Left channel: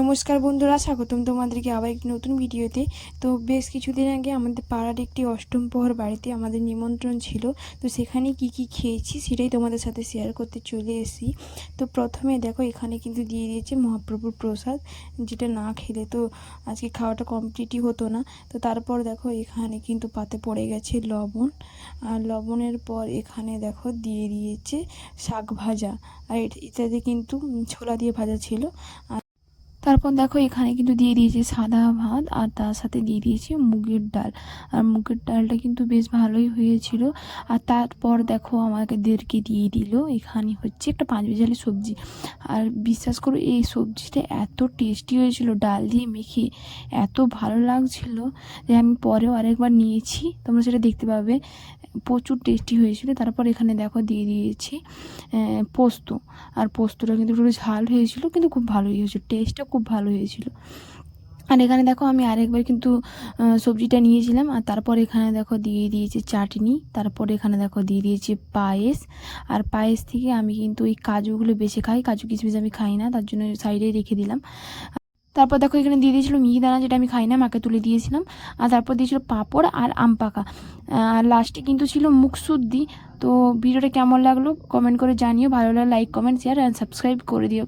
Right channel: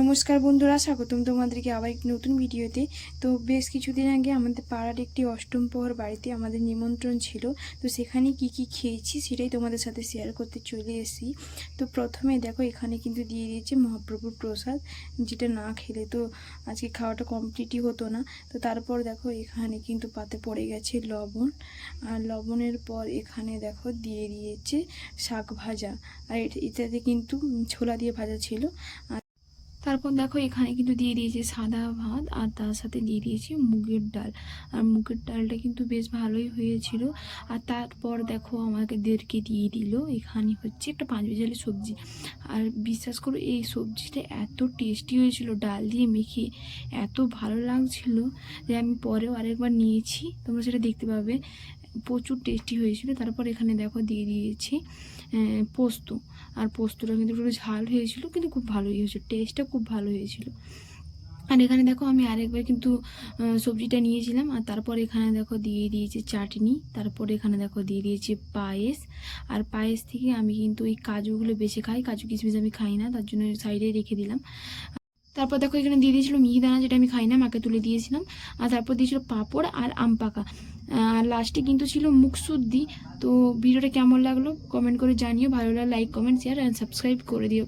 নমস্কার বন্ধুরা, স্বাগতম তোমাদেরকে আবার একটি নতুন ভিডিওতে। তো বেশ কিছুদিন আগে আমাদের পাড়ার একটি অষ্টম প্রহর বাড়িতে আমাদের নিমন্ত্রণ ছিল। তো সেখানে কি কি খেয়েছি সেটাই তোমাদের সাথে শেয়ার করতে চলে এসেছি। তো প্রথমে দেখো এখানে কিন্তু দিয়ে দিয়েছে মহাপ্রভুর প্রসাদ, যেটা না খেলে তো আজকে খাওয়াটা কমপ্লিটই হতো না। তো তারপর দেখো এখানে কিন্তু পাতে পড়ে গেছে লবণ, আর লবণের পর এখানে দেখো দিয়ে দিয়েছে শাক ভাজা, আর এটাতে কিন্তু ছোলা দিয়ে ভাজা ছিল। তারপর দেখো এখানে কিন্তু দিয়ে দিয়েছে সাদা ভাত, আর তার সাথে দিয়ে দিয়েছে মুগের ডাল। আর মুগের ডালটা কিন্তু বেশ ভালোই হয়েছিল। আর তারপর দেখো আমাদেরকে দিয়ে দিল এখানে হচ্ছে একটা পাঁচ মিশালি সবজি। আর বিশ্বাস করো এই সবজিটা এত টেস্টি হয়েছিল, ডাল দিয়ে মেখে এত ভালো লাগছিল যে আমি পরেও আরেকবার নিয়েছি, তোমরা সেটা দেখতে পাবে। প্রচুর টেস্টি হয়েছিল। তারপর এখানে দেখো দিয়ে দিয়েছি পোস্ত। আর পোস্তটা কিন্তু একটু ঝাল হয়েছিল, কিন্তু খুব ভালোই হয়েছিল, টেস্টটা খুব ভালো হয়েছিল। আর এখানে দেখো আমি আরেকবার কিন্তু সবজিটা নিয়েছিলাম। আর তারপর এখানে দেখো দিয়ে দিয়েছে চাটনি। তারপর এখানে দেখো দিয়ে দিয়েছে পায়েস। আর পায়েস থেকে আমি কিন্তু ওই কাজুগুলো বেছে খাই, কাজু কিশমিশ আমি খাই না, তার জন্য সাইডে রেখে দিলাম। তারপর দেখো এখানে দিয়ে দিয়েছিলো মিহিদানা, যেটা আমি খাই না, মাকে তুলে দিয়েছিলাম। আর তারপর দিয়েছিল পাঁপড় আর আম পাকা। আর লাস্টে কিন্তু ছিল মুকসুদ্দি। তো ভিডিওটা কেমন লাগলো কমেন্ট করে জানিও, ভালো লাগলে like comment share and subscribe করে দিও।